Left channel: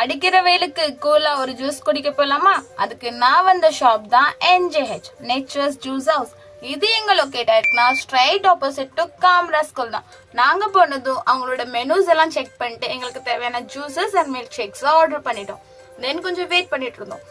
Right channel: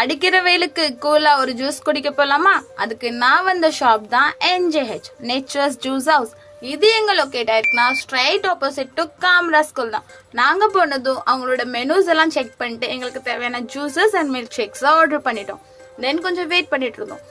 அடிக்கிற வெயிலுக்கு கூலா ஒரு ஜூஸ் குடிக்க போலாமா? அதுக்கு நான் வந்த ஷாப் தான் NJH நேச்சர்ஸ் ஜூஸ் ஹவுஸ். இது எங்க லொக்கேட் ஆயிருக்குன்னா ஸ்ட்ரைட் ஆப்போசிட் டு காம்ரா ஸ்கூல் தான். நாங்க போனதும் அவங்களோட மெனூஸ் எல்லாம் செக் பண்ணிட்டு எங்களுக்கு தேவையான juices and milk shakes order பண்ணிட்டோம். தென் கொஞ்சம் வெயிட் பண்ணிட்டு இருந்தோம்.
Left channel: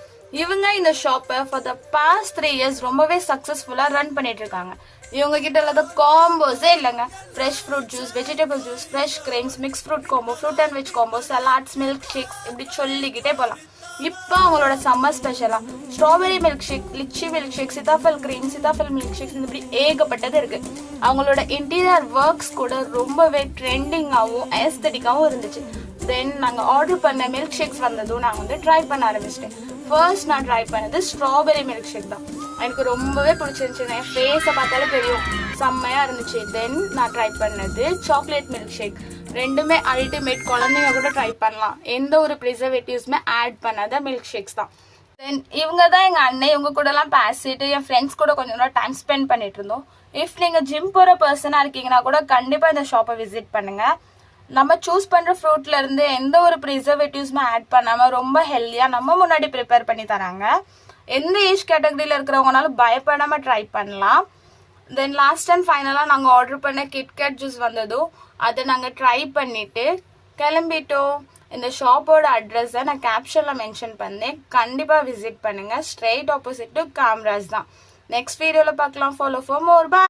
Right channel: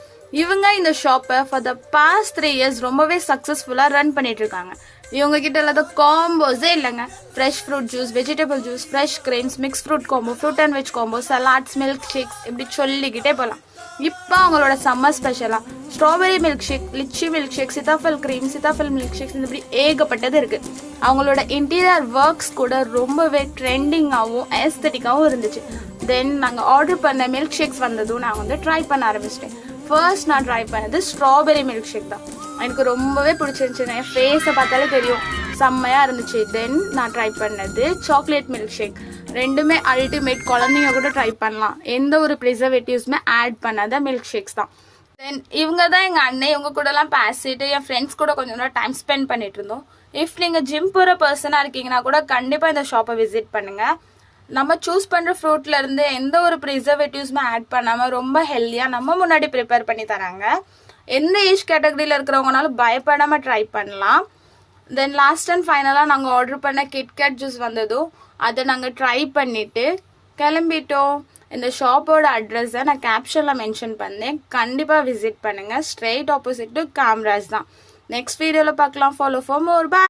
இவங்க இந்த ஷாப்பை ஃபார் த பாஸ்ட் 3 இயர்ஸ் ரொம்பவே சக்சஸ்ஃபுல்லா ரன் பண்ணிட்டு இருக்காங்க. இவங்க கிட்ட இல்லாத காம்போஸே இல்லைங்க. Fresh fruit juice, vegetable juice, fresh creams, mix fruit combo, fruit and veg combo, salads, milk shakes இப்படி சொல்லிக்கிட்டே போகலாம். இப்போ அவங்களோட சம்மர் ஸ்பெஷலா strawberry milk shake, litchi milk shake, sitaphal cream, sitaphal milk shakes இப்படி ஏகப்பட்டது இருக்கு. அவங்களோட இன்டீரியர் ஒர்க்ஸ் கூட ரொம்பவே ட்ரெண்டிங்காகவும் ஏஸ்தட்டிக்காகவும் இருந்துச்சு. தென் நாங்கள் ஆர்டர் பண்ண மில்க் ஷேக்ஸ் வந்ததும் நான் வந்து ட்ரை பண்ண ஆரம்பிச்சிட்டேன். ஃபர்ஸ்ட் நான் ட்ரை பண்ணது ஸ்ட்ராபெரி மில்க் ஷேக் தான். எனக்கு ரொம்பவே பிடிச்சிருந்துச்சு. என் ஃபேஸை பார்த்தாலே தெரியும், செம்மையா இருந்துச்சு. தென் நான் ட்ரை பண்ணது சாக்லேட் மில்க் ஷேக். ரெண்டுமே அல்டிமேட், குழந்தைங்க கூட ட்ரை பண்ணலாம். எந்த ஒரு ப்ரிசர்வேட்டிவ்ஸுமே ஆட் பண்ணாத மில்க் ஷேக்ஸ் தான். தென் இவங்க தான் எங்கள் அண்ணன். இவங்க கூட எல்லாம் பேசிட்டு என் ஃப்ரெண்ட்ஸ் கூட கொஞ்சம் நேரம் டைம் ஸ்பெண்ட் பண்ணிட்டு இருந்தோம். இஃப் நீங்கள் ஜிம் போகிற பர்சனாக இருக்கீங்கன்னா கூட கண்டிப்பாக இந்த ஷாப்பை விசிட் பண்ணுங்க. நம்ம சூஸ் பண்ற ஃப்ரூட்ல இருந்து எந்த ஒரு ப்ரிசர்வேட்டிவ்ஸுமே ஆட் பண்ணாம ரொம்ப ஹெல்தியா நம்ம முன்னாடி ப்ரிப்பேர் பண்ணி தராங்க. எந்த ஏஜ் கேட்டகரியில இருக்கிறவங்கனாலும் பயப்படாம ட்ரை பண்ணலாம். தென் லாஸ்ட் அண்ட் ஃபைனலா நாங்க ஆர்டர் பண்ண கிட்கேட் ஜூஸ் வந்ததும் அதை நாங்க ட்ரை பண்ணிட்டு கிளம்பிட்டோம். இந்த ஷாப்போட அட்ரஸை நான் கேப்ஷன்ல மென்ஷன் பண்ணேன். கண்டிப்பா விசிட் பண்ணுங்க. ஸ்ட்ரெயிட் ஆப்போசிட் டு காம்ராஜ் தான். நெக்ஸ்ட் வீடியோல பார்க்கலாம். Follow for more. பை.